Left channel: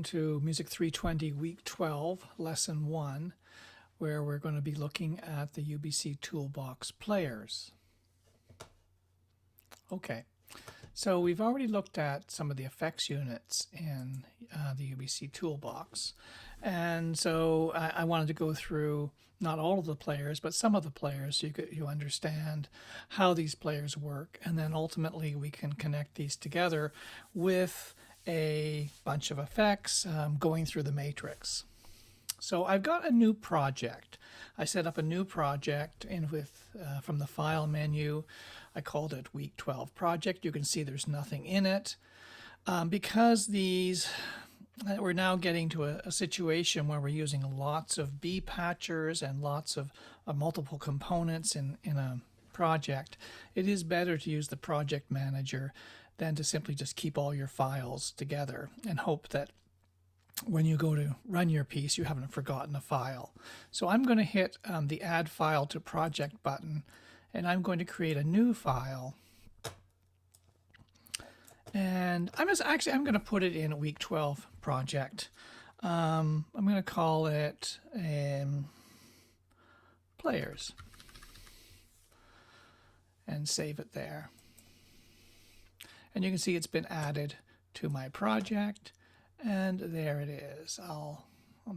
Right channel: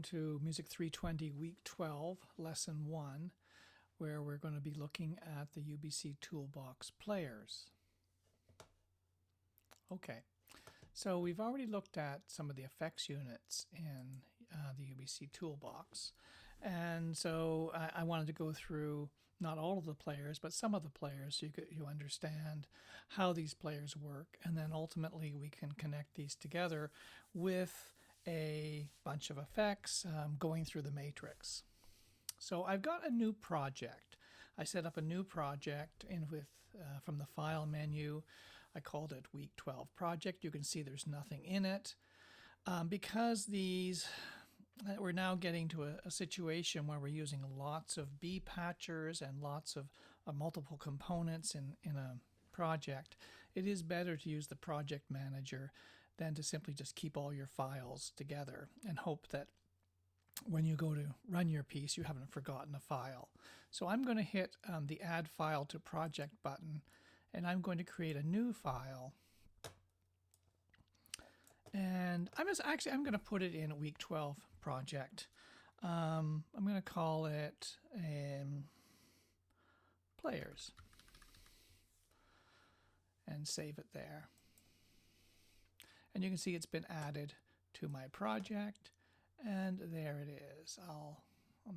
To Music 320 Week 12, Lesson 1, where we're going to be looking at the UBC Toolbox players. Okay, so we've already looked at some of the effects units in the UBC Toolbox, and so I wanted to go through not all of the players, but some of the players so you understand how these players work, and then ultimately we can connect these together with a bunch of effects going through the matrix. So I've got a new project. I set up a new project from the file menu. I called it week 12 project. You can see there's nothing in it because we're now getting to a situation where we're using lots of B patchers and lots of multiple components in a project. It is better to use the project manager than to simply just keep all your files together and hope that when you go to run your piece, you haven't forgotten a file. So I'm going to hit the Add File to Project button, and I'm going to create a new file. And I'm going to put it in a Week 12 project. I'm going to call it Players and save it there. And you can see it's been added to my project, and there it is. I'll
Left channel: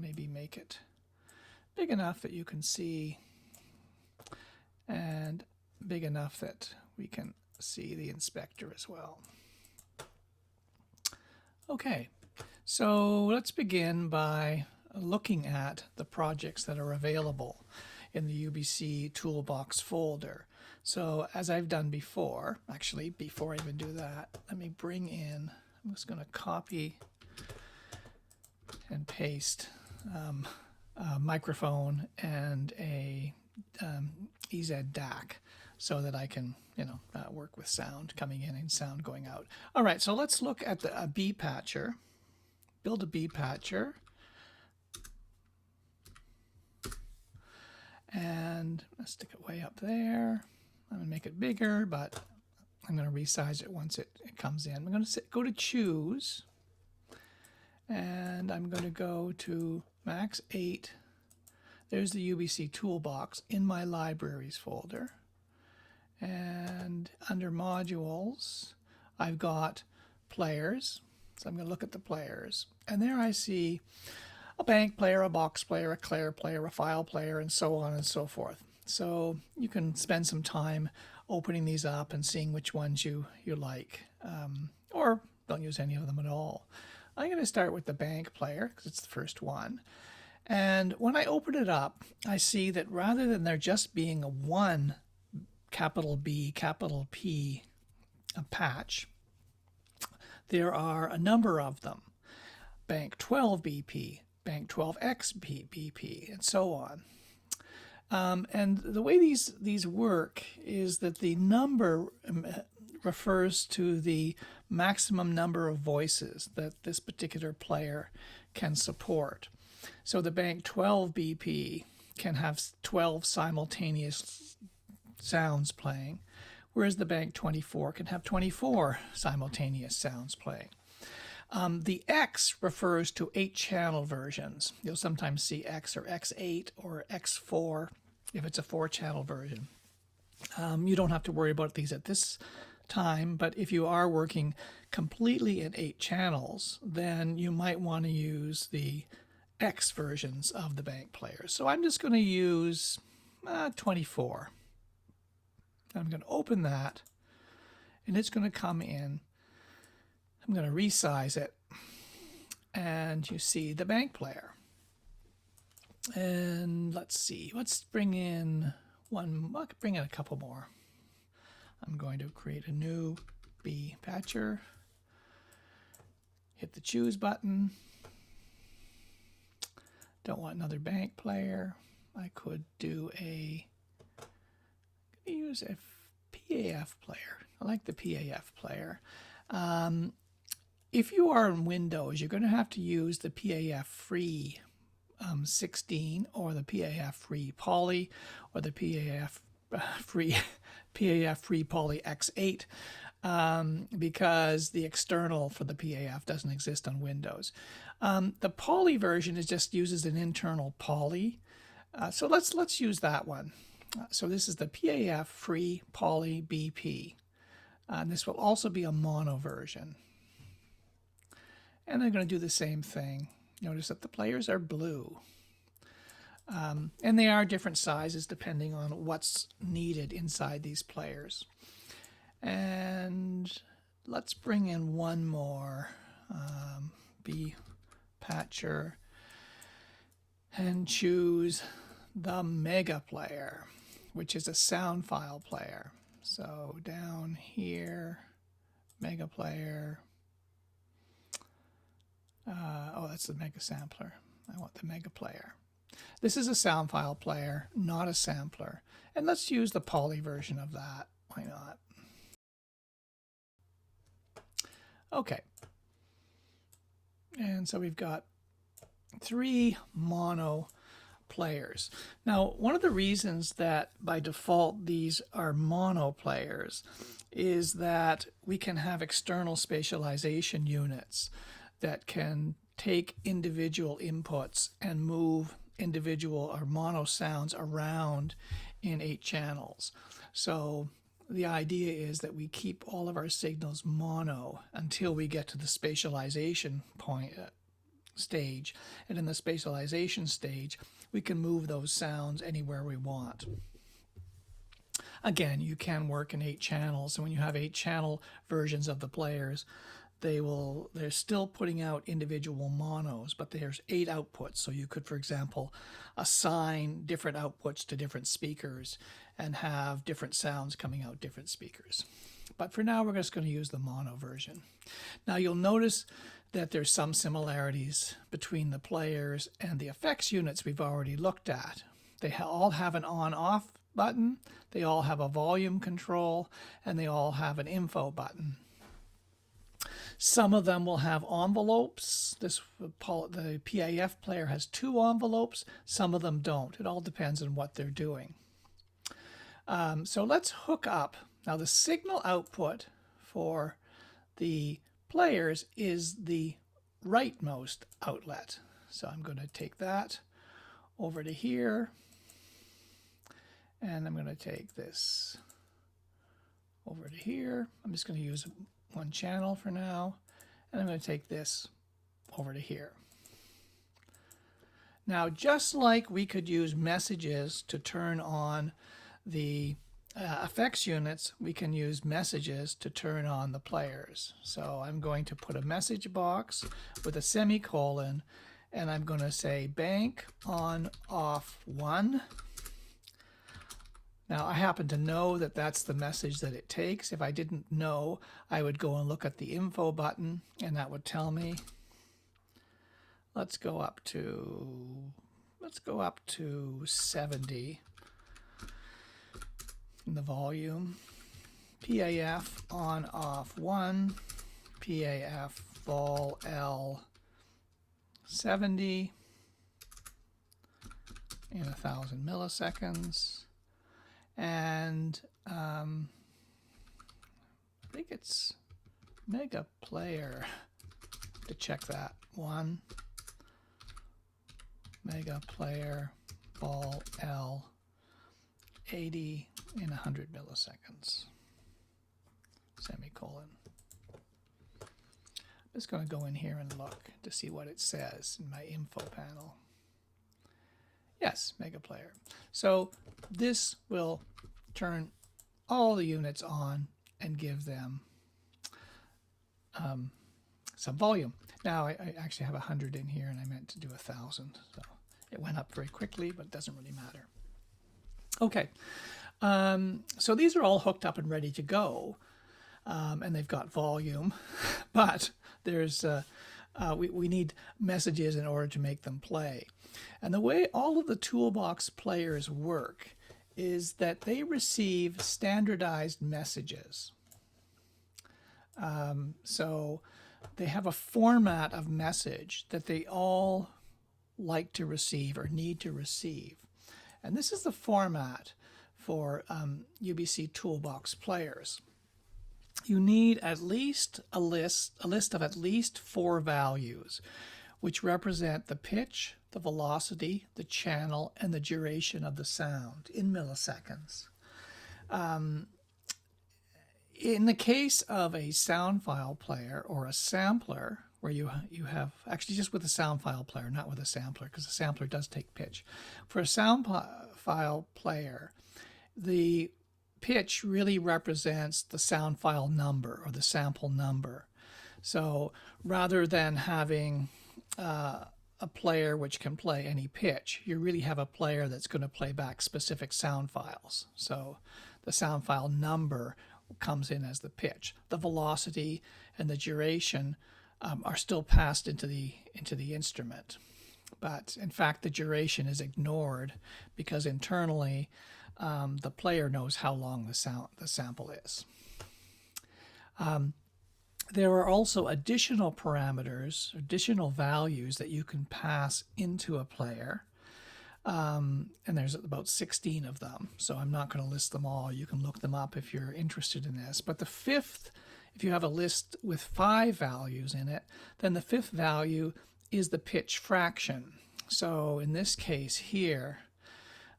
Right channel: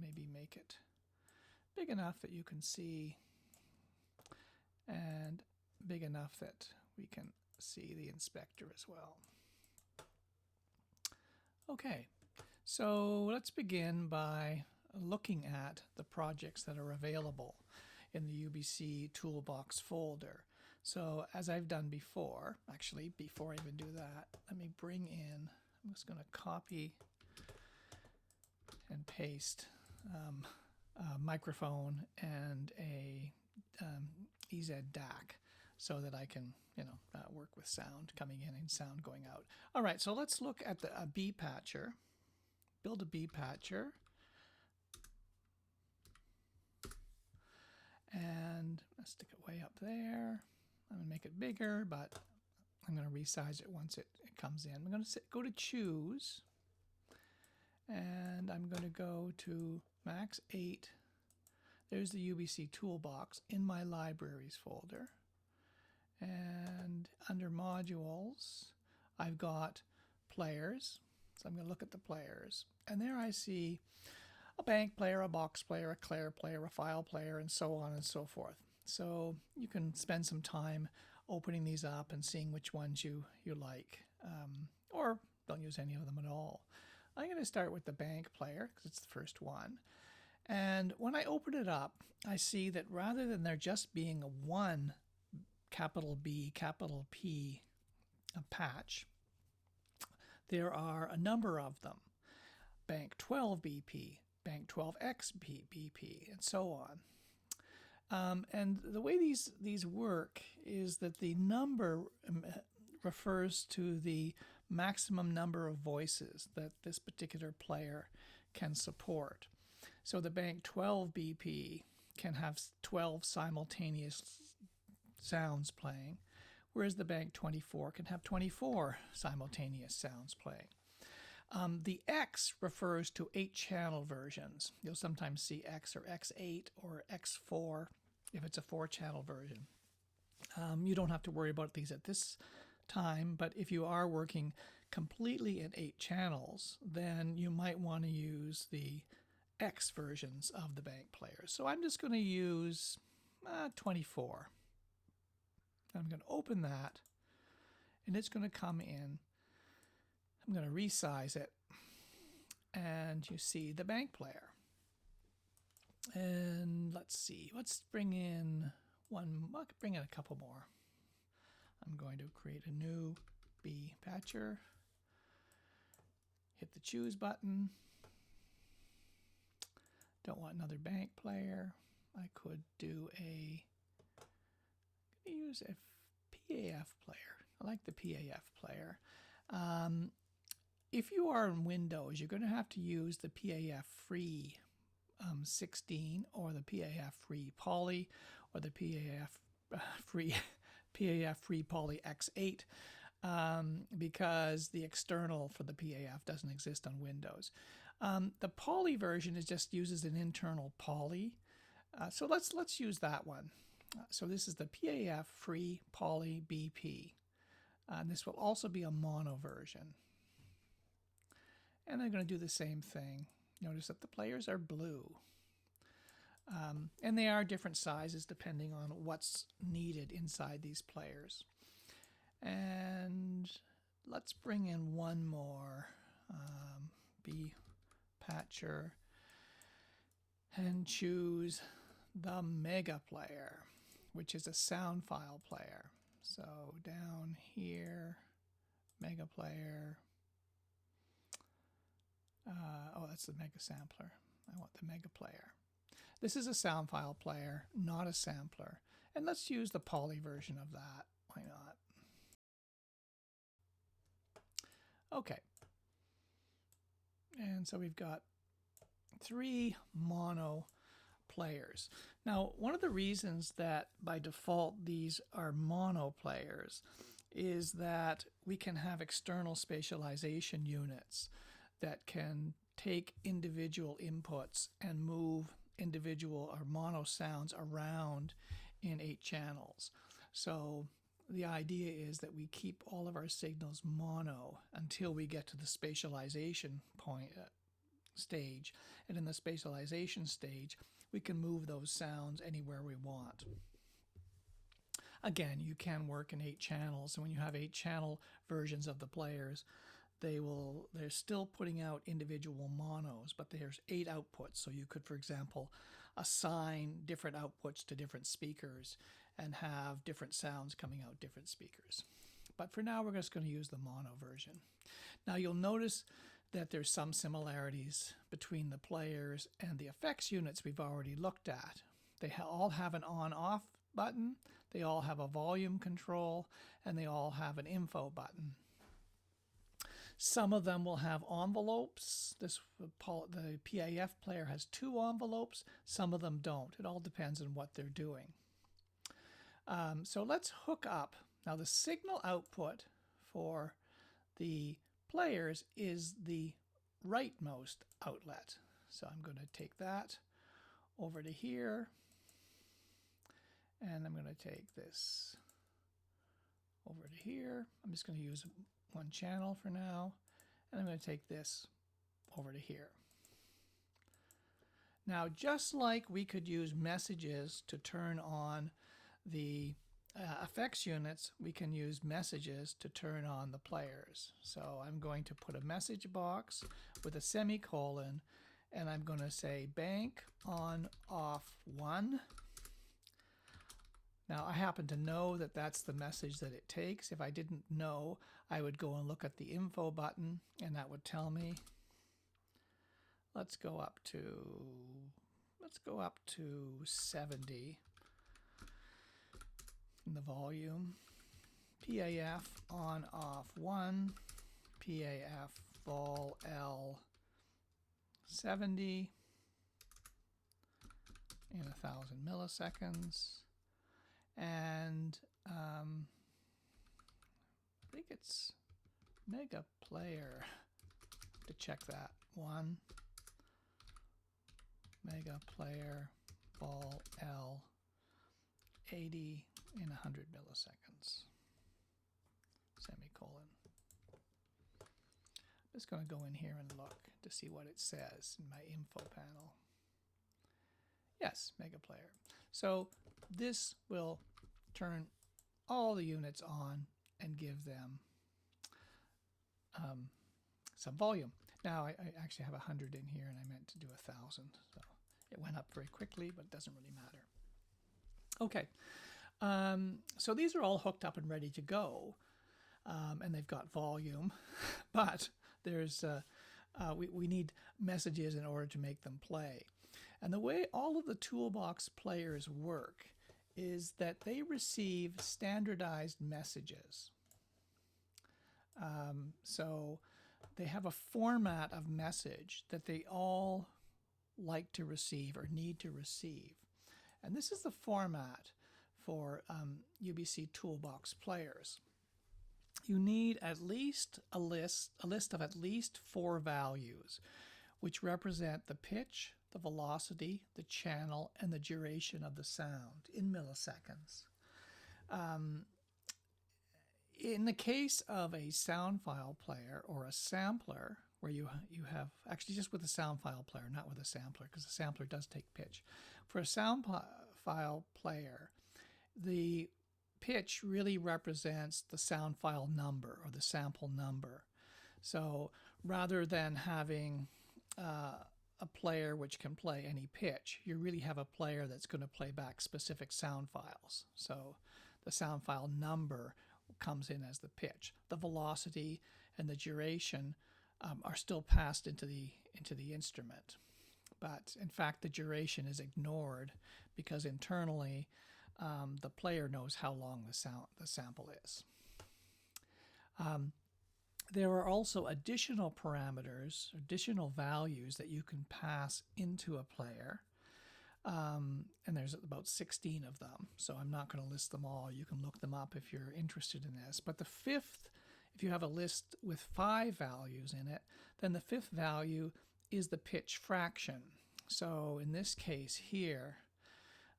maybe make it big enough that you can see, and big enough that we can see the inspector as well. Okay, so let's begin by looking at the projects that are available in the UBC Toolbox folder. So as I've done before, actually before I even do that, let me bring in, I'm just going to copy and paste a microphone and a EZ DAC so that I can, work with sound coming in and sound going out. All right, so let's look at a B patcher. Build a B patcher. And I'll stick it way up there. I'm going to make it bigger, but I'm going to resize it once it comes in. I'm going to go to Choose, and I'm going to go to Max 8. There's the UBC Toolbox in my Libraries folder. And under Modules, I've got Players. So I'm going to look at the players. And there I see a bank player, a box player, a Claire player, a file player, and so on and so forth. So you can spend some time opening these up and seeing which ones you like, or don't use any of them at all. I'm going to start with the bank player because it's the first one. And when I open it up, I see that rather than there just being a one capital B, capital P patch, there are a number of them. Bank 12 BP, Bank 12X BP, and so on. And the way these work is that the number refers to the maximum number of voices that this particular player can support. So the Bank 12 BP can have 12 simultaneous sounds playing, whereas the Bank 24 can have 24 simultaneous sounds playing. The X refers to 8-channel versions. You'll sometimes see X or X8 or X4 if it's a 4-channel version. You don't have to worry about these at this time, but if you are working completely in 8 channels, then you might want to use the X versions of the bank players. So I'm just going to use 24. I'm going to open that, and it's going to come in. I'm going to resize it, and you see the bank player. And let's see, let's bring in a couple more. I'm going to create a new B patcher, hit the Choose button. Don't want another bank player. I could use a PAF player. I like the PAF player. If you are in Windows, you're going to have to use the PAF free 16 or the PAF free Poly or the PAF free Poly X8 because the external for the PAF doesn't exist on Windows. The poly version is just uses an internal poly. So let's use that one. So this is the PAF Free Poly BP. This will also be a mono version. And I'm going to do the same thing. Notice that the players are blue. And they are different sizes depending on what's needed inside these players. And let's bring in one more B patcher and choose the Mega Player, which is a sound file player. So down here, Mega Player. Oh, that's the Mega Sampler. I want the Mega Player. This is a sound file player, not a sampler. And let's use the poly version of that. Why not? Okay. And so we've got 3 mono players. Now, one of the reasons that by default these are mono players is that we can have external spatialization units that can take individual inputs and move individual or mono sounds around in 8 channels. So the idea is that we keep all of our signals mono until we get to the spatialization point stage. And in the spatialization stage, we can move those sounds anywhere we want. Again, you can work in 8 channels. And when you have 8 channel versions of the players, they're still putting out individual monos, but there's 8 outputs. So you could, for example, assign different outputs to different speakers and have different sounds coming out different speakers. But for now, we're just going to use the mono version. Now you'll notice that there's some similarities between the players and the effects units we've already looked at. They all have an on-off button, they all have a volume control, and they all have an info button. Some of them will have envelopes. The PAF player has 2 envelopes. Some of them don't. It all depends on what they're doing. So let's hook up. Now the signal output for the players is the rightmost outlet. So I'm going to take that over to here. And I'm going to take this over to here. I'm just going to use one channel for now, and I'm going to take this over to here. Now, just like we could use messages to turn on the effects units, we can use messages to turn on the players. So I'm going to put a message box with a semicolon, and I'm going to say bank on off 1. Now, I happen to know that that's the message that it takes. If I didn't know, I would go and look at the info button, and that would tell me. Let's go up to 70 in the volume. PAF on off 1, PAF vol L 70 in 1,000 milliseconds. And I think it's Mega Player to check that. 1 Mega Player vol L 80 in 100 milliseconds. Semicolon. I'm just going to go in here and look to see what it says in my info panel. Yes, Mega Player. So this will turn all the units on and give them some volume. Now I actually have 100 in here, and I meant to do 1,000. So it went up very quickly, but it doesn't really matter. Okay, so these are all hooked up and ready to go, and they've got volume, but there's we need messages in order to make them play. And the way all of the Toolbox players work is that they receive standardized messages. So they have a format of message that they all like to receive or need to receive. And this is the format for UBC Toolbox players. You need at least a list of at least 4 values. which represent the pitch, the velocity, the channel, and the duration of the sound in milliseconds. In the case of a sound file player or a sampler, where you have, actually just with a sound file player, not with a sampler, because a sampler does take pitch. For a sound file player, the pitch really represents the sound file number or the sample number. So rather than having a player which can play any pitch, you really have a player that's going to play back specific sound files. So the sound file number comes in as the pitch. The velocity and the duration are still passed into the instrument, but in fact the duration is ignored because internally the player knows how long the sample is. There are also additional parameters, additional values that you can pass into a player. And there's about 16 of them, so I'm not going to list them all. You can look them up if you're interested in this. But the fifth, if you have a list with 5 values in it, then the fifth value is the pitch fraction. So in this case here,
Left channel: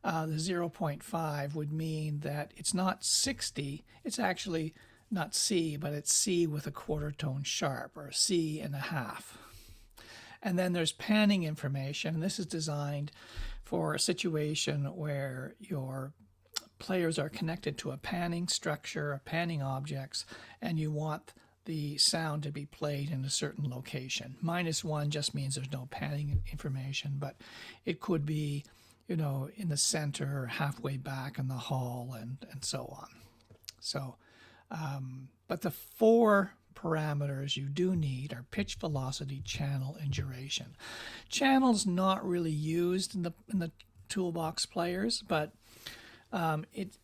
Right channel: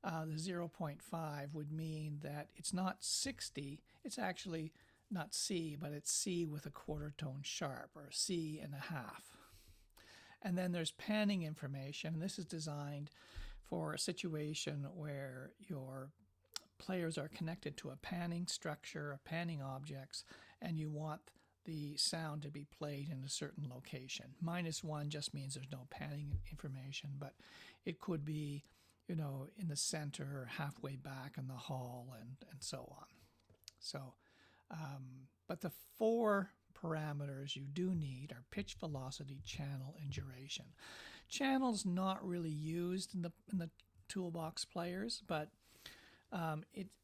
the 0.5 would mean that it's not 60, it's actually not C, but it's C with a quarter tone sharp, or C and a half. And then there's panning information, and this is designed for a situation where your players are connected to a panning structure, a panning objects, and you want the sound to be played in a certain location. -1 just means there's no panning information, but it could be, you know, in the center or halfway back in the hall, and so on. So, but the 4 parameters you do need are pitch, velocity, channel, and duration. Channel's not really used in the toolbox players, but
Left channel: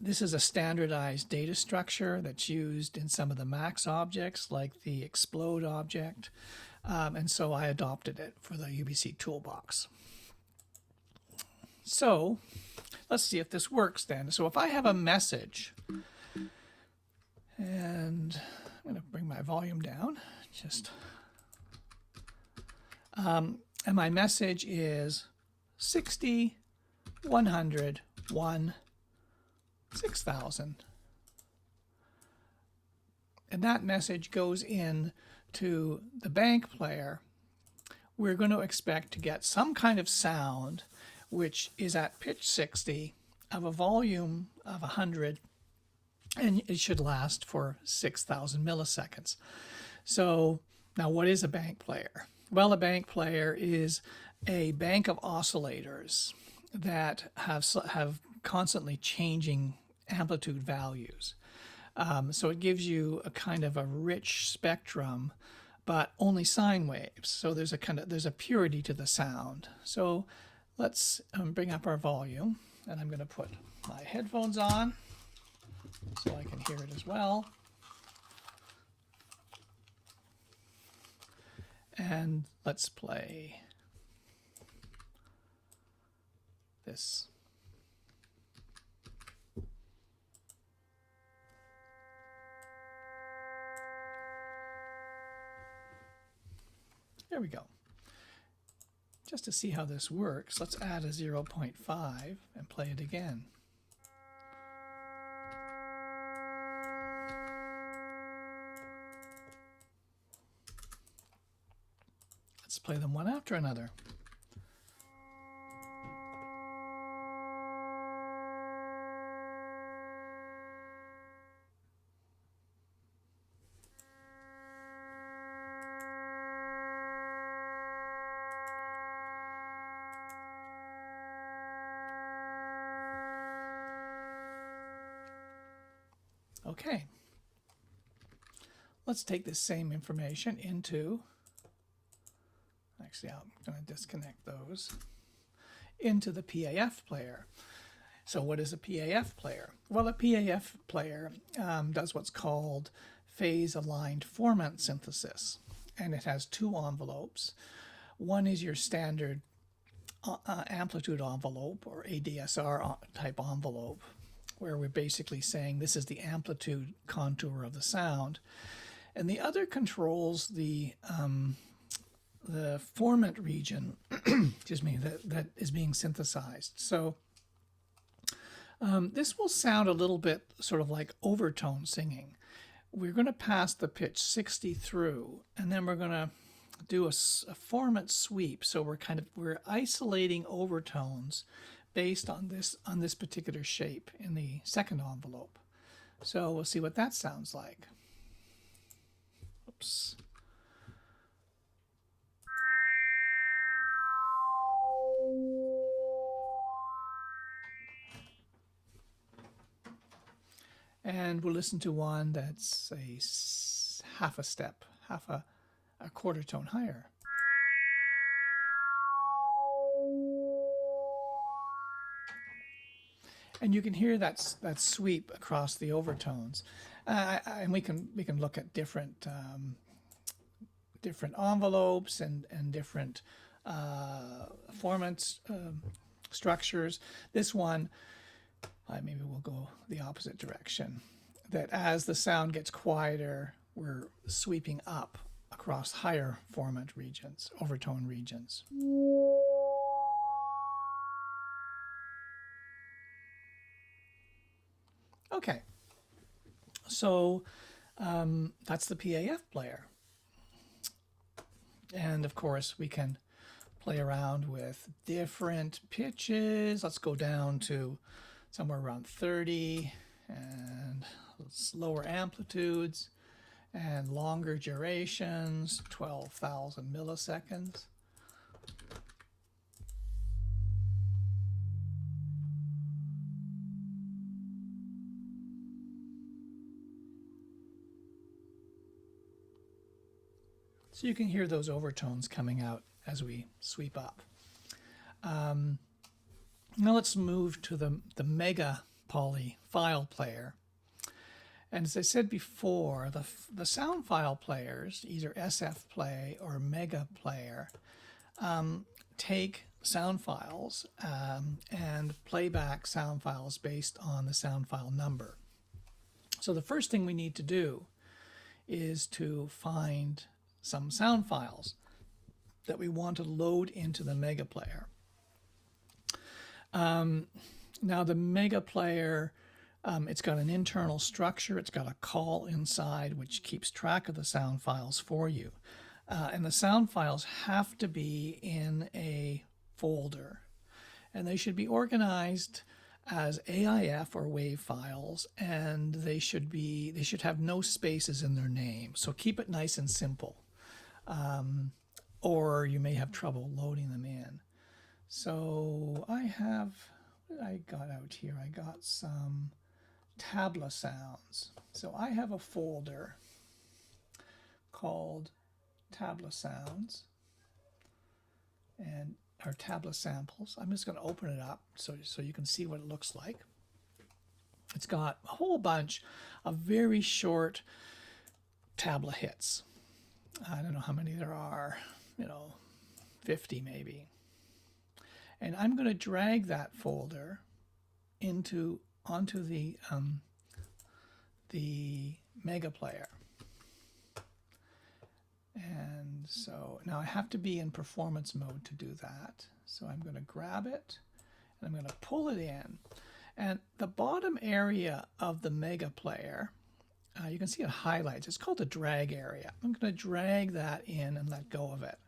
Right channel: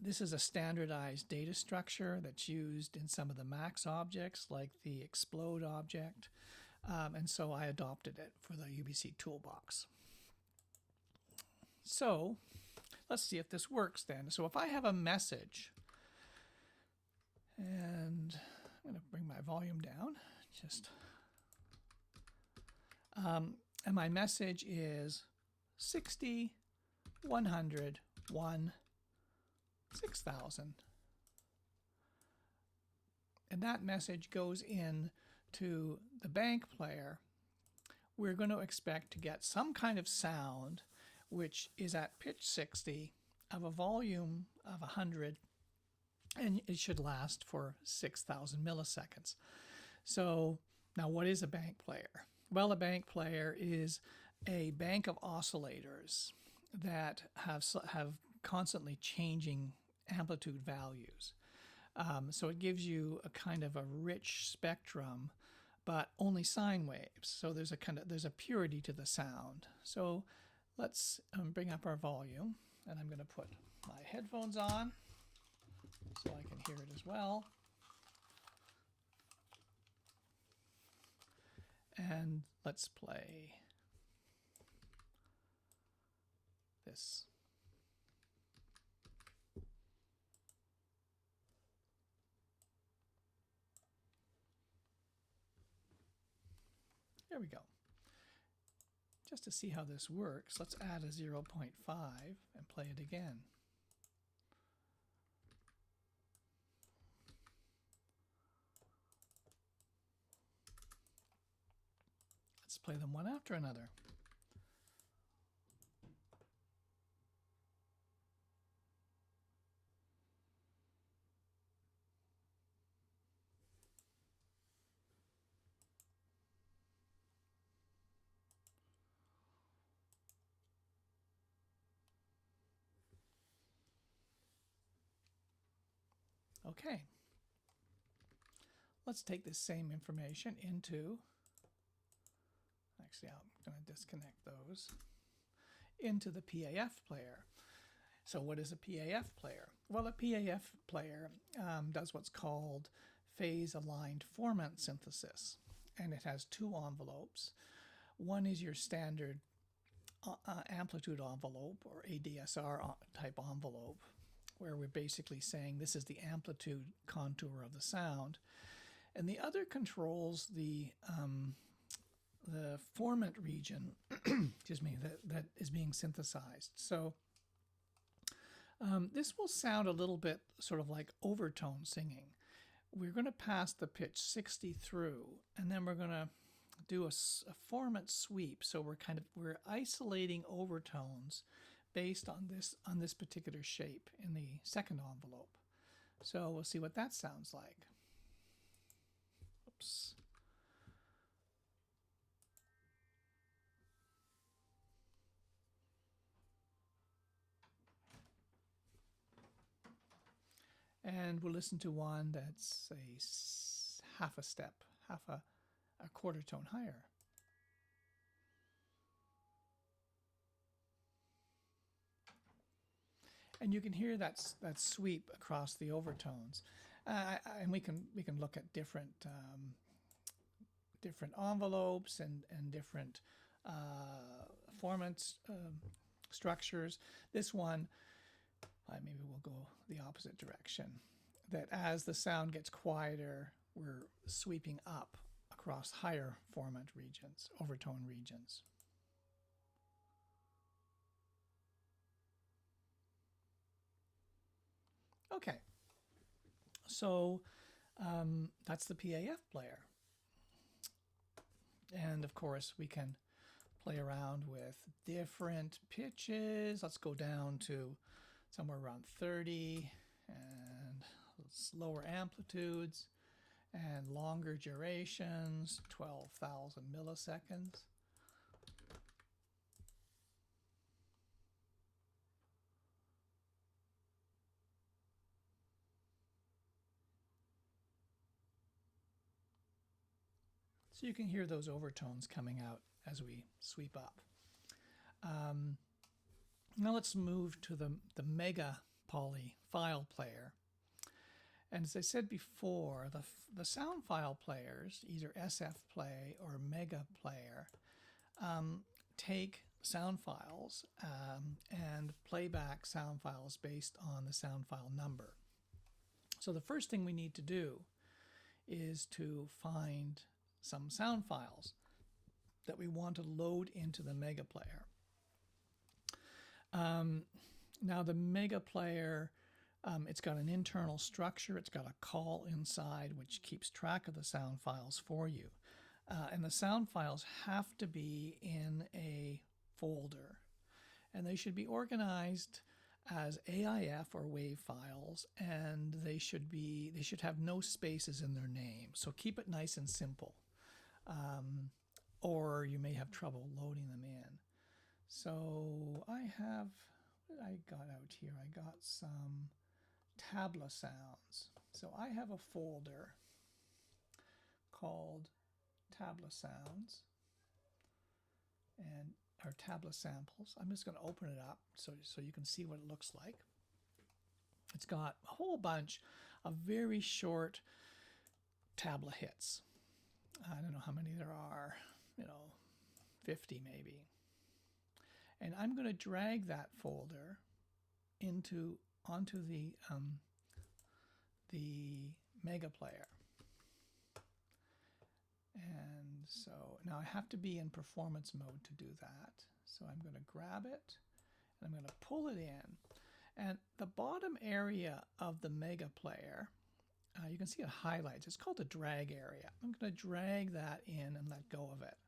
this is a standardized data structure that's used in some of the Max objects, like the explode object, and so I adopted it for the UBC toolbox. So let's see if this works then. So if I have a message, and I'm going to bring my volume down, and my message is 60, 100, 1, 6,000. And that message goes in to the bank player. We're going to expect to get some kind of sound which is at pitch 60 of a volume of 100, and it should last for 6,000 milliseconds. So now what is a bank player? Well, a bank player is a bank of oscillators that have constantly changing amplitude values. So it gives you a kind of a rich spectrum, but only sine waves. So there's a purity to the sound. So let's bring up our volume, and I'm going to put my headphones on so I can hear it as well. And let's play this. There we go. Just to see how this works, let's add a 0.5 and play it again. Let's play them one after another. Okay, let's take this same information into, actually I'm going to disconnect those, into the PAF player. So what is a PAF player? Well, a PAF player does what's called phase-aligned format synthesis, and it has 2 envelopes. One is your standard amplitude envelope, or ADSR type envelope, where we're basically saying this is the amplitude contour of the sound. And the other controls the the formant region, excuse me, that is being synthesized. So this will sound a little bit sort of like overtone singing. We're going to pass the pitch 60 through, and then we're going to do a formant sweep. So we're isolating overtones based on this particular shape in the second envelope. So we'll see what that sounds like. Oops. And we'll listen to one that's half a step, half a quarter tone higher. And you can hear that sweep across the overtones. And we can look at different envelopes and different formants structures. This one, maybe we'll go the opposite direction. That as the sound gets quieter, we're sweeping up across higher formant regions, overtone regions. Okay, so that's the PAF player. And of course, we can play around with different pitches. Let's go down to somewhere around 30 and slower amplitudes and longer durations, 12,000 milliseconds. So you can hear those overtones coming out as we sweep up. Now let's move to the Mega Poly file player. And as I said before, the sound file players, either SF Play or Mega Player, take sound files and play back sound files based on the sound file number. So the first thing we need to do is to find some sound files that we want to load into the Mega Player. Now the Mega Player, it's got an internal structure. It's got a call inside which keeps track of the sound files for you. And the sound files have to be in a folder. And they should be organized as AIF or WAV files, and they should have no spaces in their name. So keep it nice and simple. Or you may have trouble loading them in. So what I got out here, I got some tabla sounds. So I have a folder called tabla sounds or tabla samples. I'm just going to open it up so you can see what it looks like. It's got a whole bunch of very short tabla hits. I don't know how many there are, 50 maybe. And I'm going to drag that folder onto the Mega Player. And so now I have to be in performance mode to do that. So I'm going to grab it and I'm going to pull it in. And the bottom area of the Mega Player, you can see it highlights. It's called the drag area. I'm going to drag that in and let go of it.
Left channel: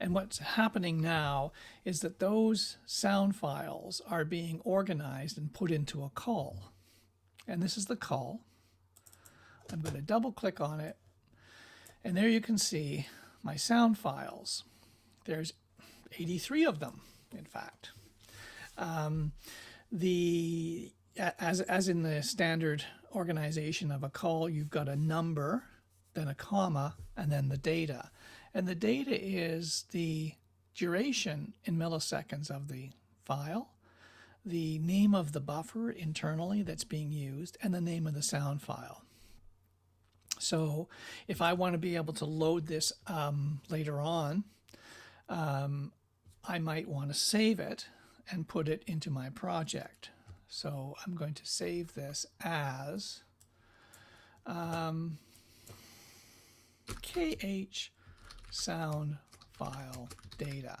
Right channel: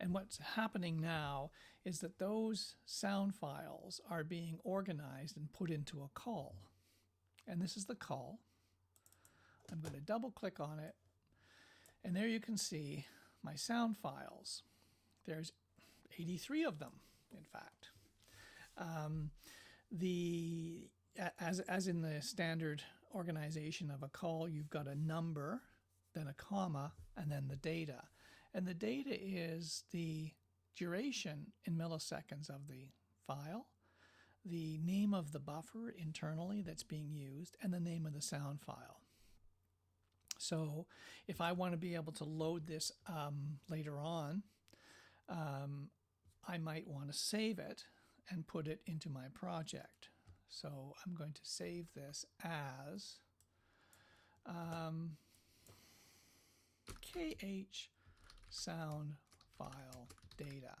And what's happening now is that those sound files are being organized and put into a call. And this is the call. I'm going to double click on it. And there you can see my sound files. There's 83 of them, in fact. As in the standard organization of a call, you've got a number, then a comma, and then the data. And the data is the duration in milliseconds of the file, the name of the buffer internally that's being used, and the name of the sound file. So if I want to be able to load this later on, I might want to save it and put it into my project. So I'm going to save this as KH sound file data.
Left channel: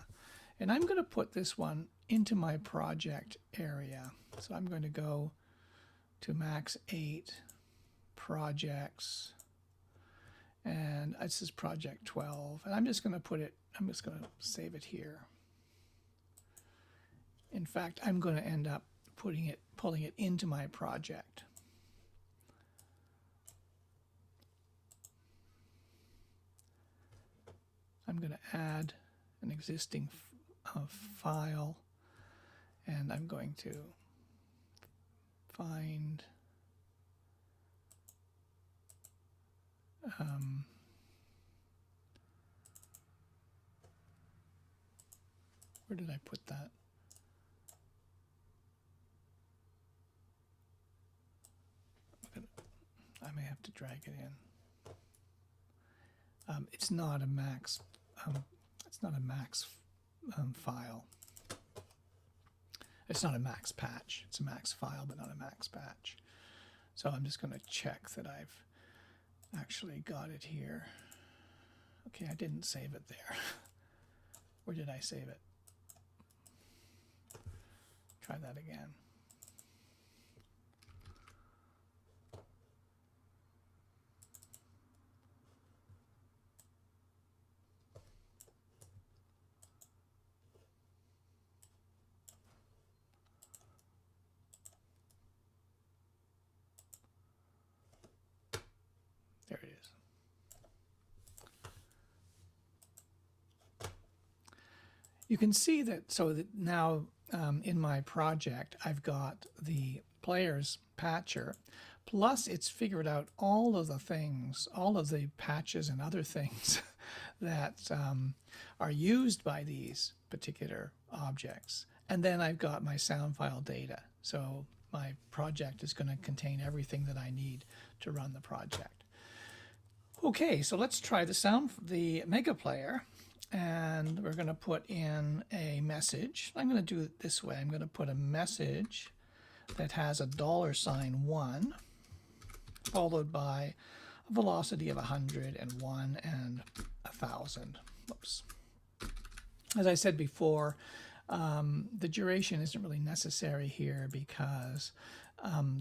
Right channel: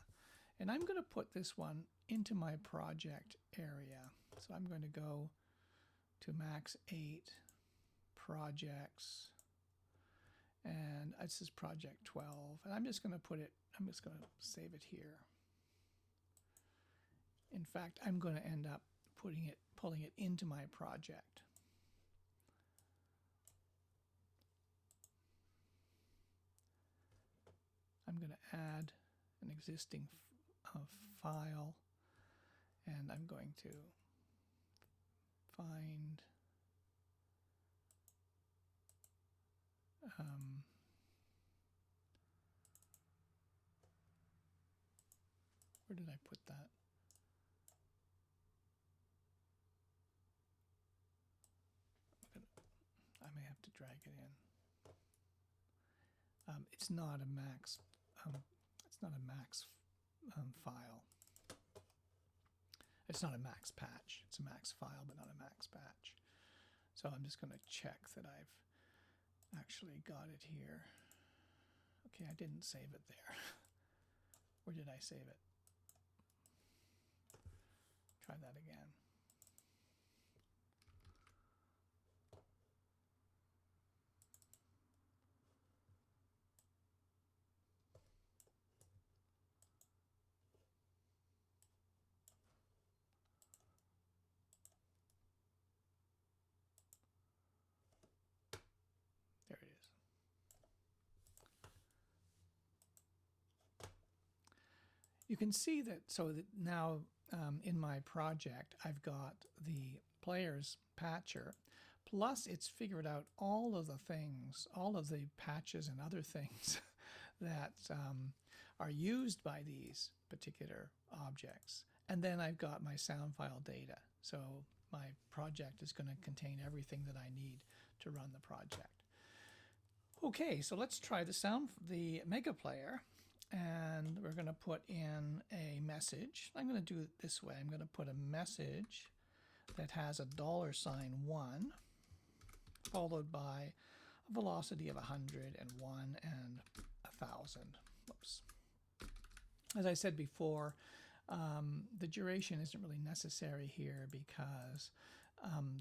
And I'm going to put this one into my project area. So I'm going to go to Max 8, Projects, and this is Project 12. And I'm just going to save it here. In fact, I'm going to end up pulling it into my project. I'm going to add an existing file, and I'm going to find where did I put that? I may have to drag it in. It's not a max. It's not a max file. It's not a max patch. It's a max file, but not a max patch. So I'm just going to check that I've actually got it here. Okay, I didn't save it there. Where did I save it? Try that again. There it is. You can see that, so that now in my project I've got the player's patcher, plus it's figured out all of the things, all of the patches and other things that are used by these particular objects. And then I've got my sound file data. So my project is going to contain everything that I need to run the project. Okay, so let's try the Mega Player, and we're going to put in a message. I'm going to do it this way. I'm going to put a message that has a $1 followed by a velocity of 100 and 1 and 1,000. Whoops. As I said before, the duration isn't really necessary here because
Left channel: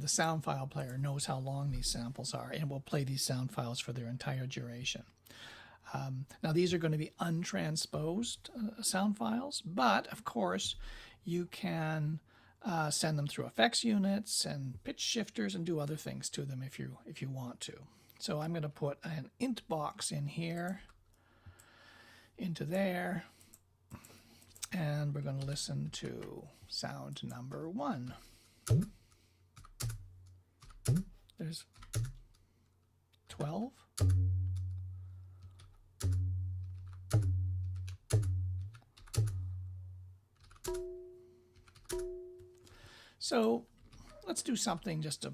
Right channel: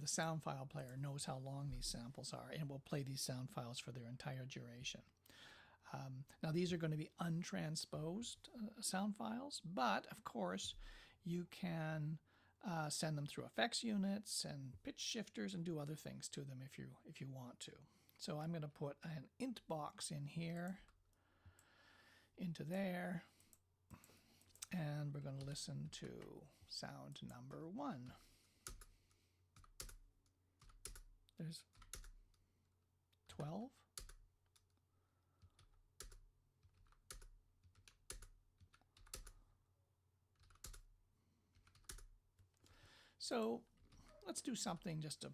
the sound file player knows how long these samples are and will play these sound files for their entire duration. Now these are going to be untransposed sound files, but of course you can send them through effects units and pitch shifters and do other things to them if you want to. So I'm going to put an int box in here, into there, and we're going to listen to sound number 1. There's 12. So let's do something just to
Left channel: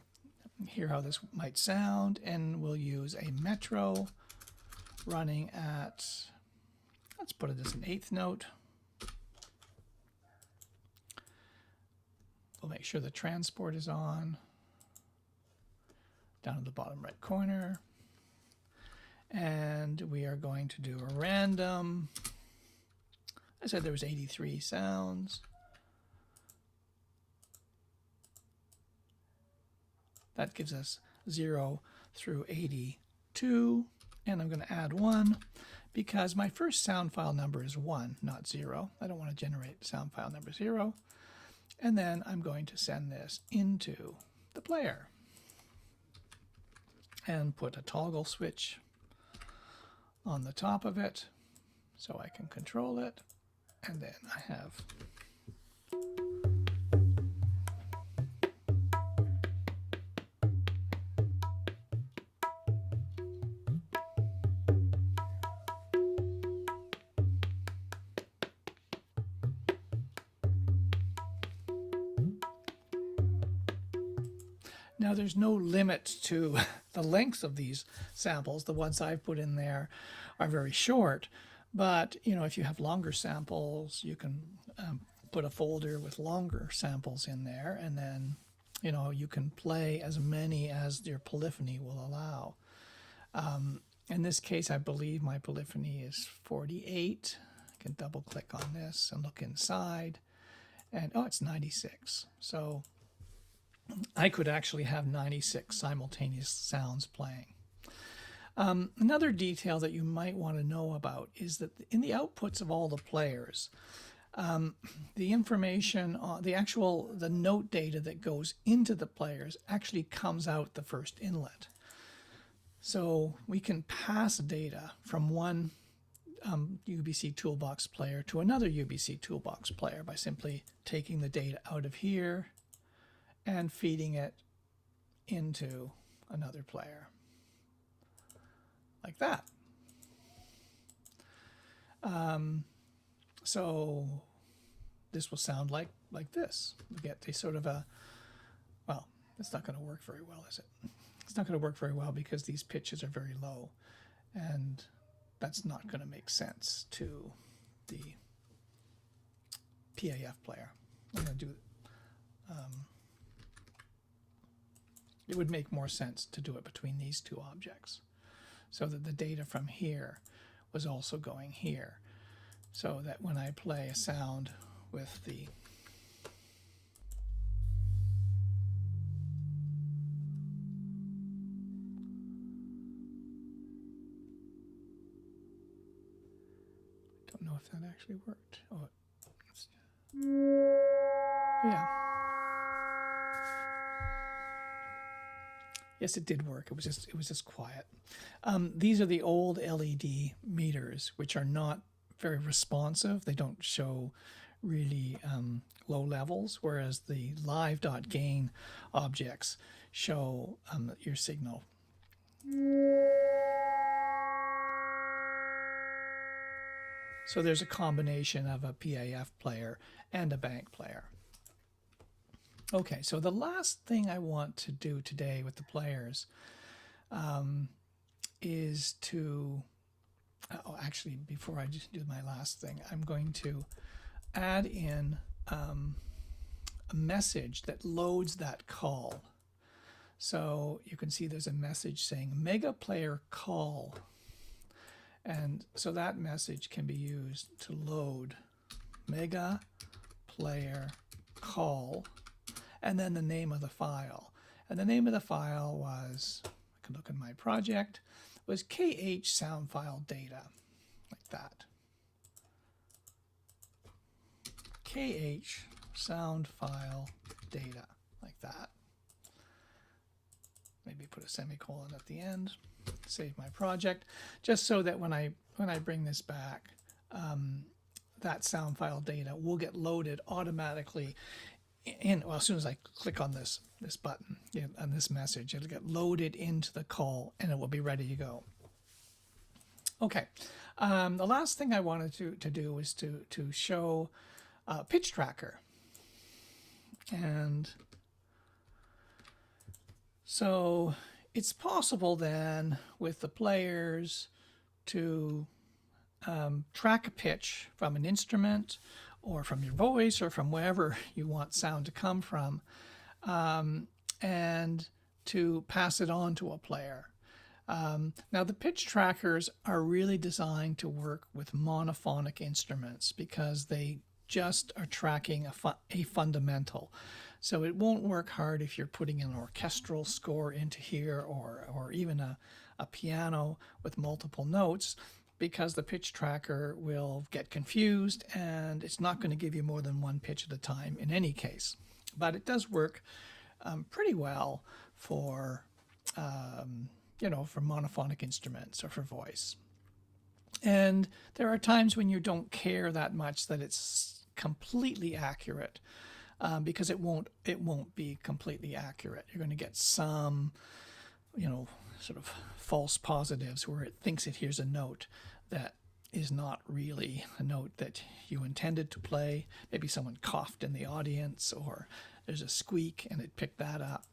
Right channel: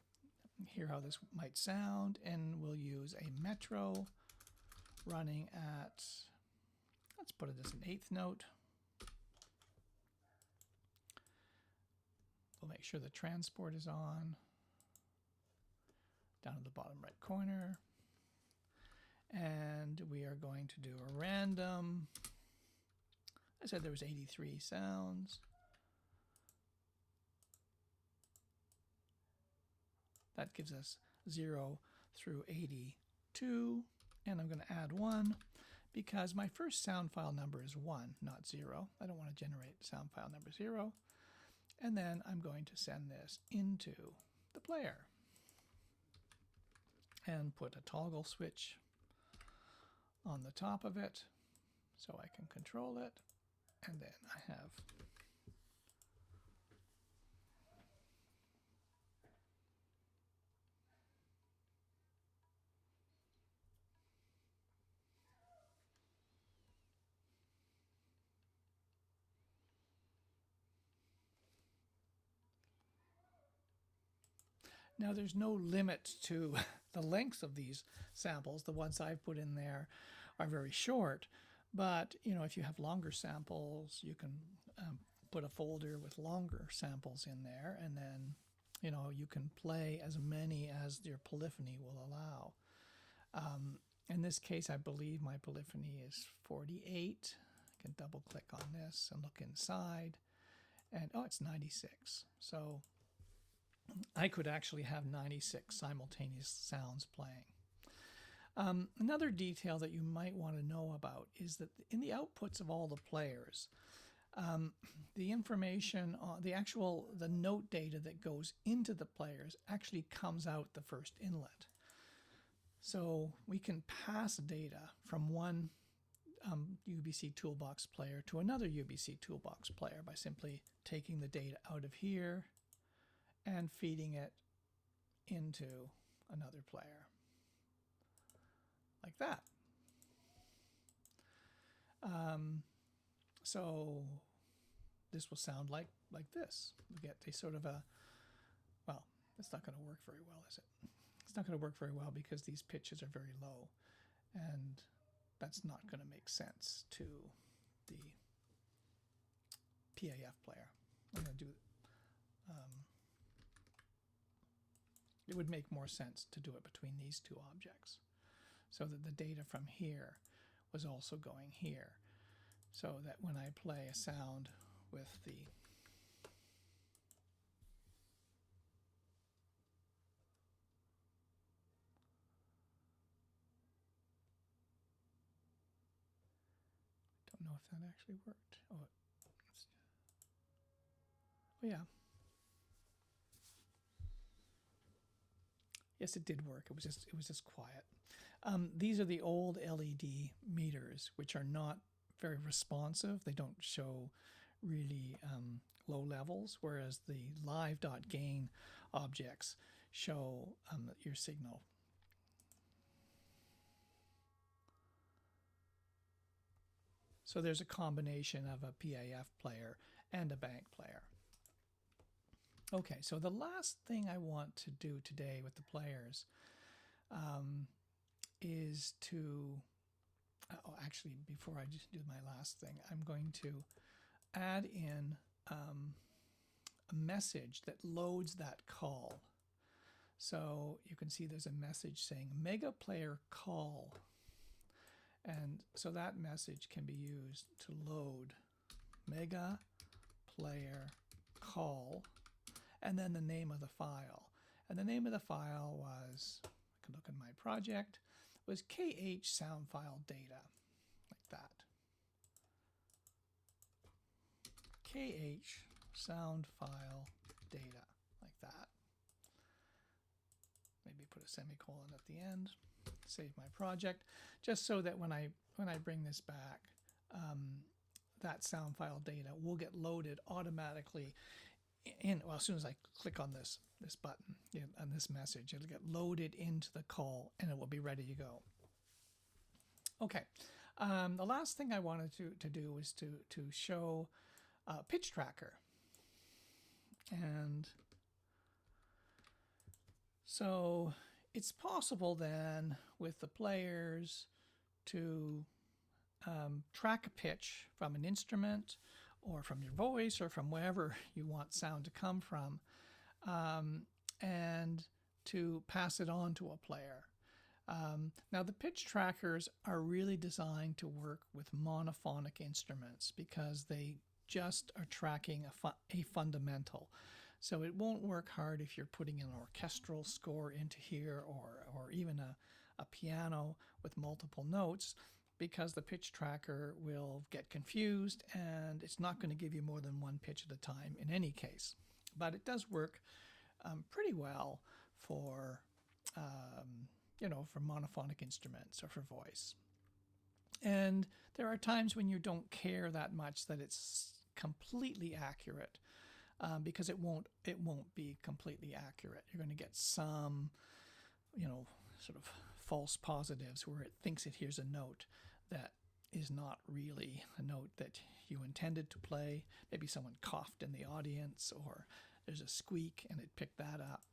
hear how this might sound, and we'll use a metro running at, let's put it as an 8th note. We'll make sure the transport is on, down at the bottom right corner, and we are going to do a random. I said there was 83 sounds. That gives us 0 through 82, and I'm going to add 1 because my first sound file number is 1, not 0. I don't want to generate sound file number 0. And then I'm going to send this into the player and put a toggle switch on the top of it so I can control it. And then I have now there's no limit to the length of these samples. The ones I've put in there are very short, but if you have longer samples, you can put a folder with longer samples in there, and then you can play as many as your polyphony will allow. In this case, I believe my polyphony is 48. I can double click on this and look inside, and oh, it's 96. So I could actually have 96 simultaneous sounds playing. Another detail that you might want to know about is that in the outputs of all the players, the information on the note data that goes into the players actually comes out the first inlet. So we can pass data from one UBC Toolbox player to another UBC Toolbox player by simply taking the data out of here and feeding it into another player, like that. So this will sound like this. We get a sort of a, well, it's not going to work very well, is it? It's not going to work very well because these pitches are very low, and that's not going to make sense to the PAF player. I'm going to do it would make more sense to do it between these two objects, so that the data from here was also going here, so that when I play a sound with the don't know if that actually worked. Oh, yeah. Yes, it did work. It was just quiet. These are the old LED meters, which are not very responsive. They don't show really low levels, whereas the live.gain objects show your signal. So there's a combination of a PAF player and a bank player. Okay, so the last thing I want to do today with the players is to, actually, before I just do my last thing, I'm going to add in a message that loads that call. So you can see there's a message saying Mega Player Call. And so that message can be used to load Mega Player Call, and then the name of the file. And the name of the file was, I can look in my project, was KH sound file data, like that. KH sound file data, like that. Maybe put a semicolon at the end, save my project, just so that when I bring this back, that sound file data will get loaded automatically in, well, as soon as I click on this button, on this message, it'll get loaded into the call and it will be ready to go. Okay, the last thing I wanted to do was to show pitch tracker. And so it's possible then with the players to track a pitch from an instrument or from your voice or from wherever you want sound to come from, and to pass it on to a player. Now the pitch trackers are really designed to work with monophonic instruments because they just are tracking a fundamental. So it won't work hard if you're putting an orchestral score into here, or even a piano with multiple notes, because the pitch tracker will get confused and it's not going to give you more than one pitch at a time in any case. But it does work pretty well for for monophonic instruments or for voice. And there are times when you don't care that much that it's completely accurate, because it won't be completely accurate. You're going to get some, sort of false positives where it thinks it hears a note that is not really a note that you intended to play. Maybe someone coughed in the audience, or there's a squeak and it picked that up.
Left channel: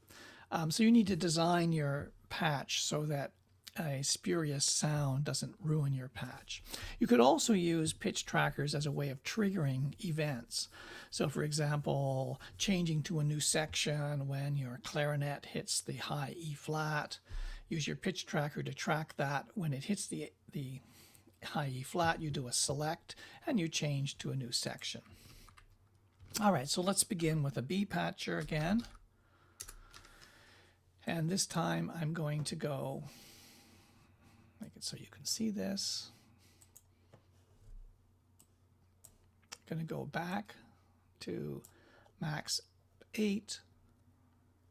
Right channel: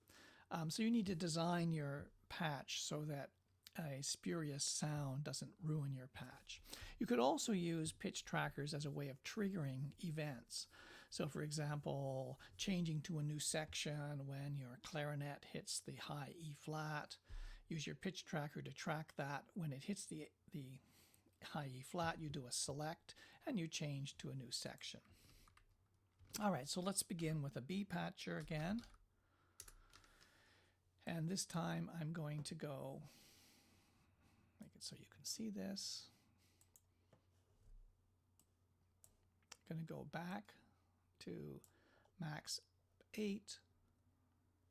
So you need to design your patch so that a spurious sound doesn't ruin your patch. You could also use pitch trackers as a way of triggering events. So for example, changing to a new section when your clarinet hits the high E flat use your pitch tracker to track that. When it hits the high E flat, you do a select and you change to a new section. All right, so let's begin with a B patcher again. And this time I'm going to go, make it so you can see this. I'm going to go back to Max 8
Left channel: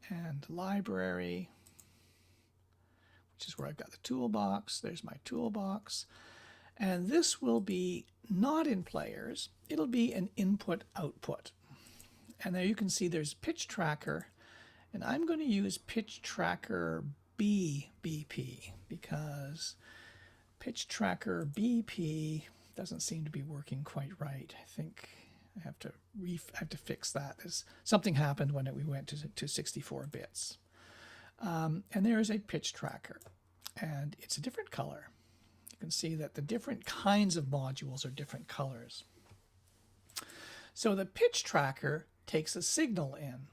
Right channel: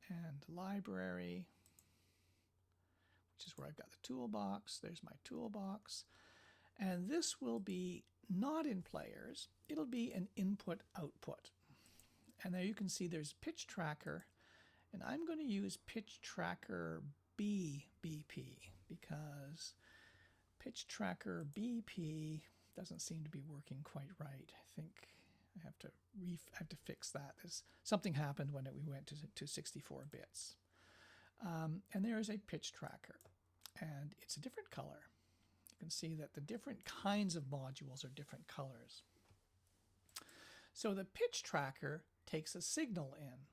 and library, which is where I've got the toolbox. There's my toolbox. And this will be not in players. It'll be an input-output. And there you can see there's pitch tracker. And I'm going to use pitch tracker BP because pitch tracker BP doesn't seem to be working quite right. I think I have to fix that. Something happened when we went to 64 bits. And there is a pitch tracker, and it's a different color. You can see that the different kinds of modules are different colors. So the pitch tracker takes a signal in.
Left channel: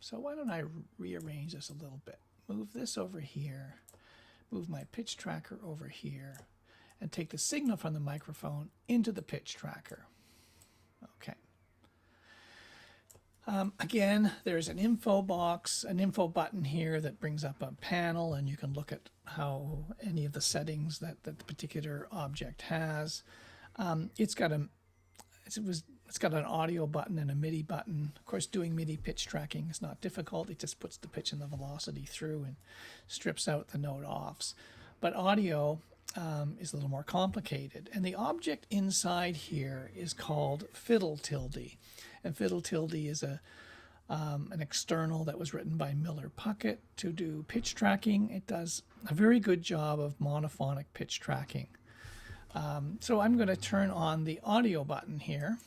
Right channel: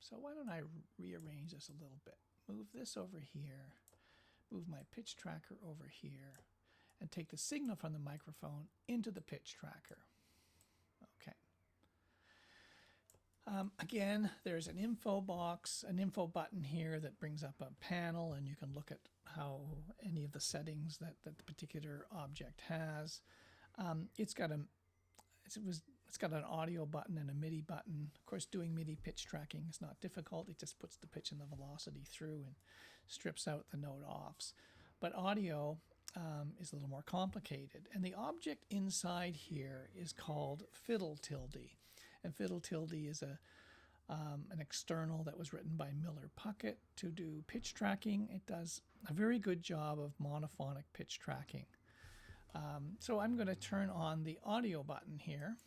So why don't I rearrange this a little bit? Move this over here, move my pitch tracker over here, and take the signal from the microphone into the pitch tracker. Okay. Again, there's an info box, an info button here that brings up a panel, and you can look at how any of the settings that the particular object has. It's got an audio button and a MIDI button. Of course, doing MIDI pitch tracking is not difficult. It just puts the pitch and the velocity through and strips out the note offs. But audio is a little more complicated. And the object inside here is called fiddle tilde. And fiddle tilde is an external that was written by Miller Puckett to do pitch tracking. It does a very good job of monophonic pitch tracking. So I'm going to turn on the audio button here.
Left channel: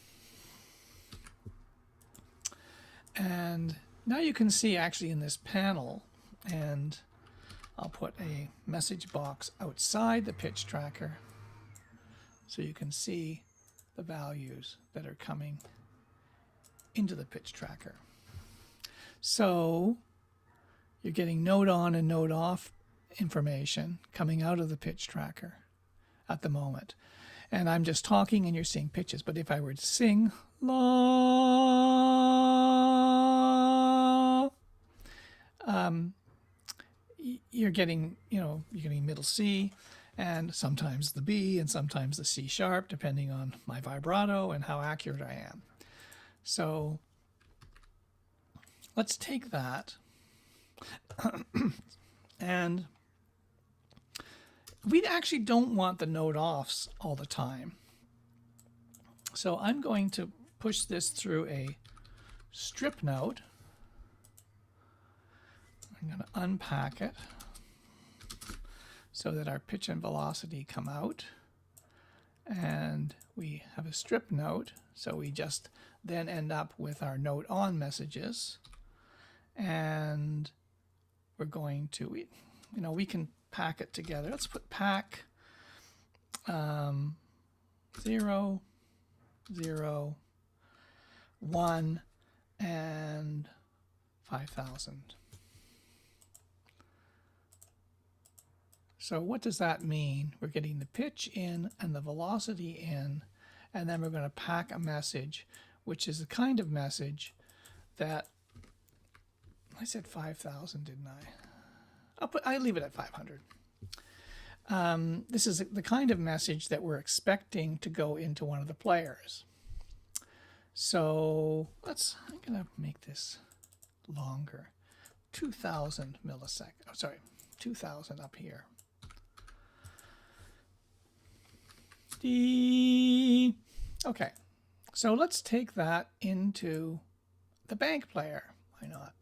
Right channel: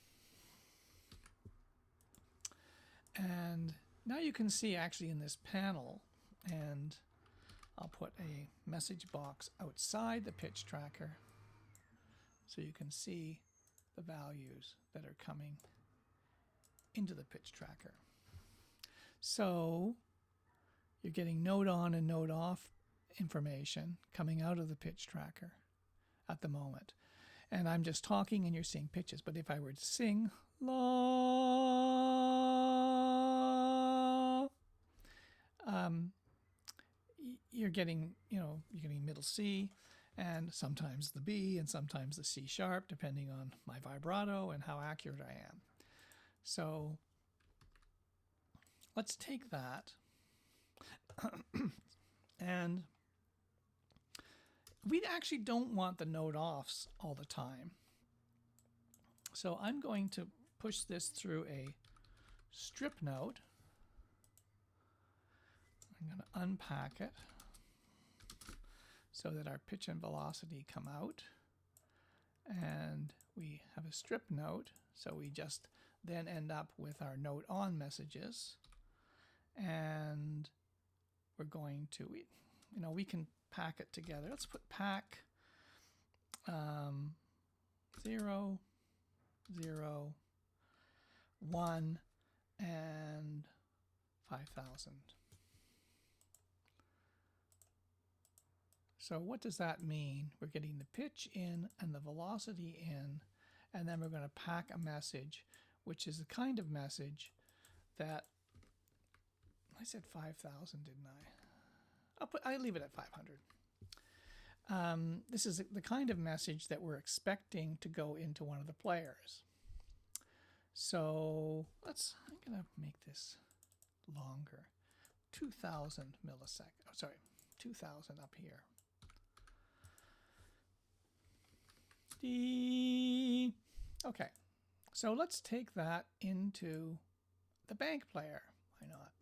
And now you can see actually in this panel, and I'll put a message box outside the pitch tracker so you can see the values that are coming into the pitch tracker. So you're getting note on and note off information coming out of the pitch tracker at the moment. And I'm just talking and you're seeing pitches. But if I were to sing la, you're getting middle C, and sometimes the B, and sometimes the C sharp, depending on my vibrato and how accurate I am. So let's take that and we actually don't want the note offs all the time. So I'm going to push this through a strip note. I'm going to unpack it so that our pitch and velocity come out. And we have a strip note, so we just then end up with our note on messages. And we're going to, we can pack it together. Let's put pack 0, 0, 1, and 5,000. So what does that mean? We're getting the pitch in and the velocity in, and then we're going to pack a message, which is the kind of message that, I said 5,000, didn't I? I leave it at 500. This is the kind of message that we're expecting to go into one of the players. So I'm going to make this longer. 2,000 milliseconds. Oh, sorry, 2,000 up here. Okay, so let's take that into the bank player. Why not?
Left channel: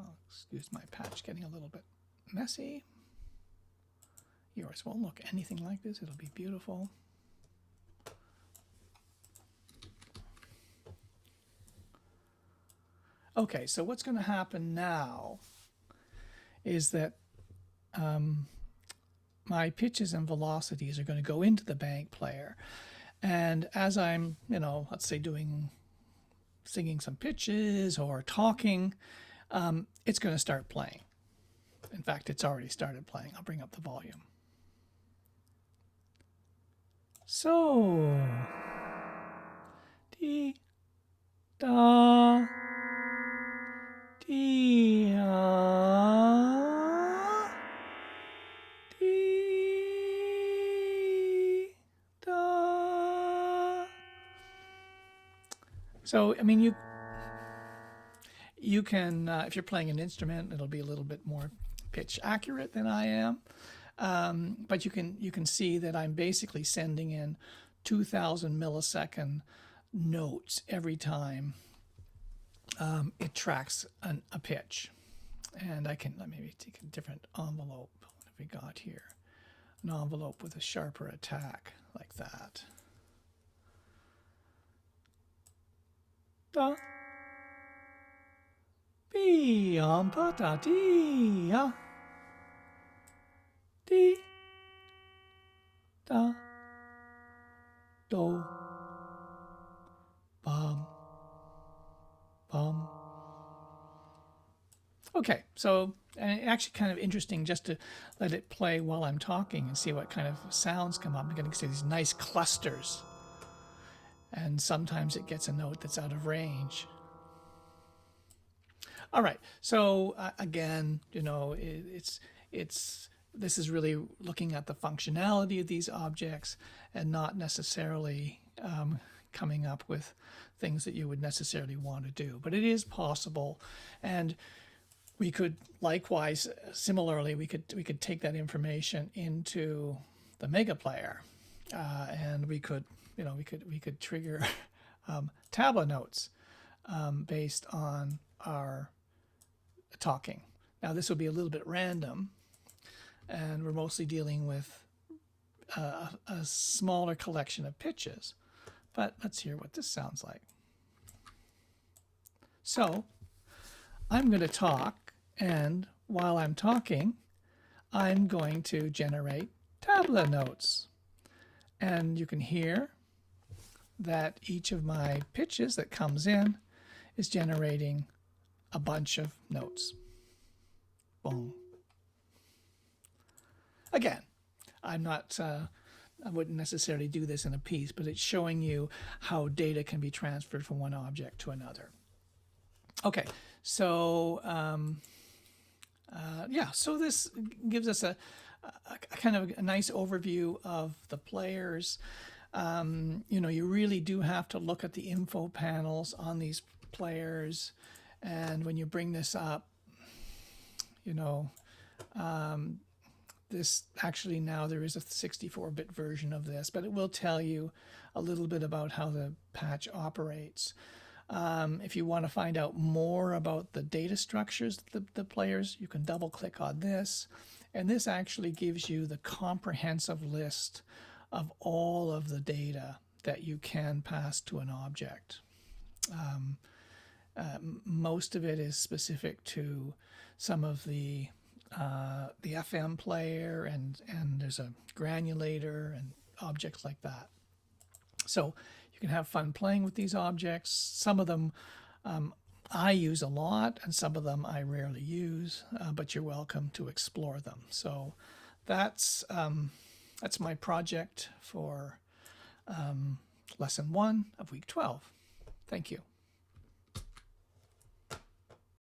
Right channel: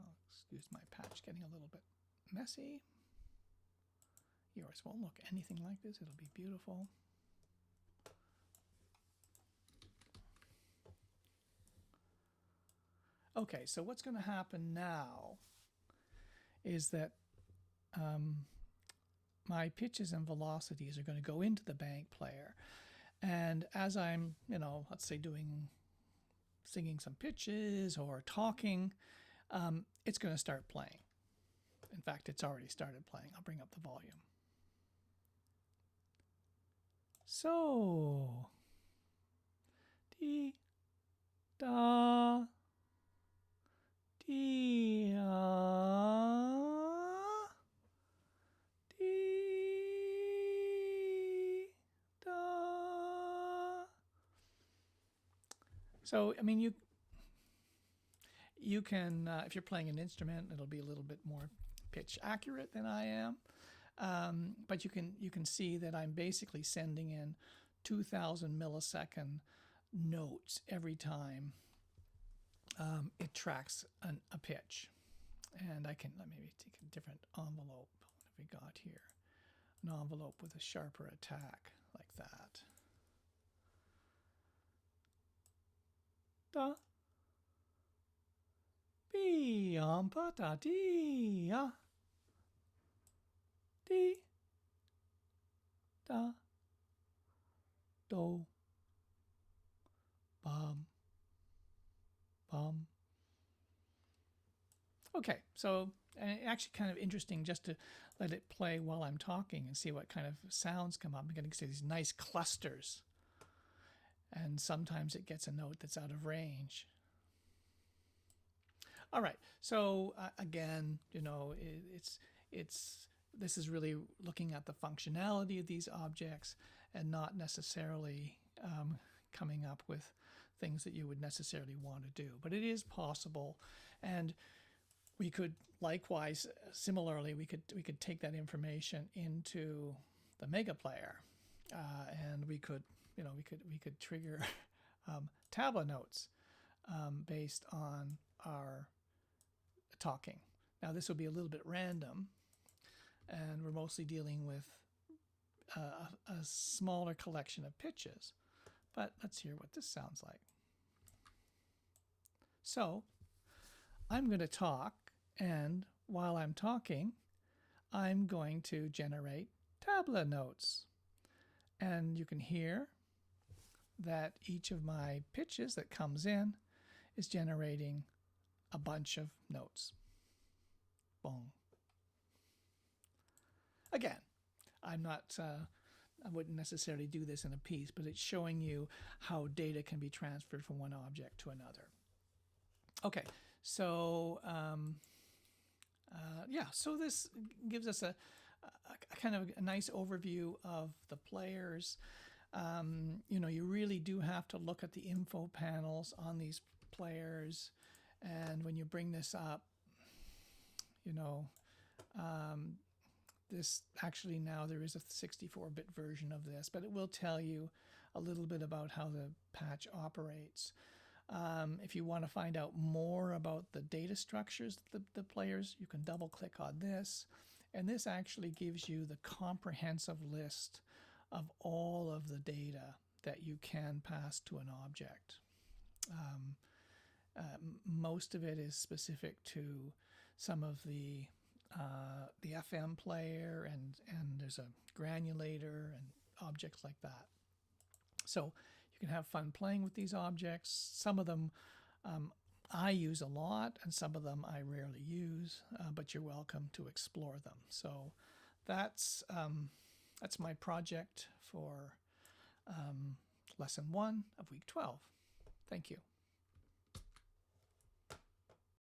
Oh, excuse my patch getting a little bit messy. Yours won't look anything like this. It'll be beautiful. Okay, so what's going to happen now is that my pitches and velocities are going to go into the bank player. And as I'm, let's say doing singing some pitches or talking, it's going to start playing. In fact, it's already started playing. I'll bring up the volume. So, dee, da, dee, dee, da. So, I mean, you can, if you're playing an instrument, it'll be a little bit more pitch accurate than I am. But you can see that I'm basically sending in 2,000 millisecond notes every time it tracks a pitch. And I can maybe take a different envelope. What have we got here? An envelope with a sharper attack like that. Da. Be pa ta ti ya. Di. Da. Do. Bum. Bum. Okay, so actually kind of interesting just to let it play while I'm talking and see what kind of sounds come up. I'm going to see these nice clusters. And sometimes it gets a note that's out of range. All right, so again, you know, this is really looking at the functionality of these objects and not necessarily coming up with things that you would necessarily want to do. But it is possible, and we could likewise, similarly, we could take that information into the Mega Player, and we could trigger tabla notes based on our talking. Now this will be a little bit random, and we're mostly dealing with a smaller collection of pitches. But let's hear what this sounds like. So I'm going to talk, and while I'm talking, I'm going to generate tabla notes. And you can hear that each of my pitches that comes in is generating a bunch of notes. Boom. Again, I'm not, I wouldn't necessarily do this in a piece, but it's showing you how data can be transferred from one object to another. Okay, so yeah, so this gives us a kind of a nice overview of the players. You know, you really do have to look at the info panels on these players, and when you bring this up, you know, this actually now there is a 64-bit version of this, but it will tell you a little bit about how the patch operates. If you want to find out more about the data structures of the players, you can double click on this, and this actually gives you the comprehensive list of all of the data that you can pass to an object. Most of it is specific to some of the FM player, and there's a granulator and objects like that. So you can have fun playing with these objects. Some of them I use a lot, and some of them I rarely use, but you're welcome to explore them. So that's my project for lesson 1 of week 12. Thank you.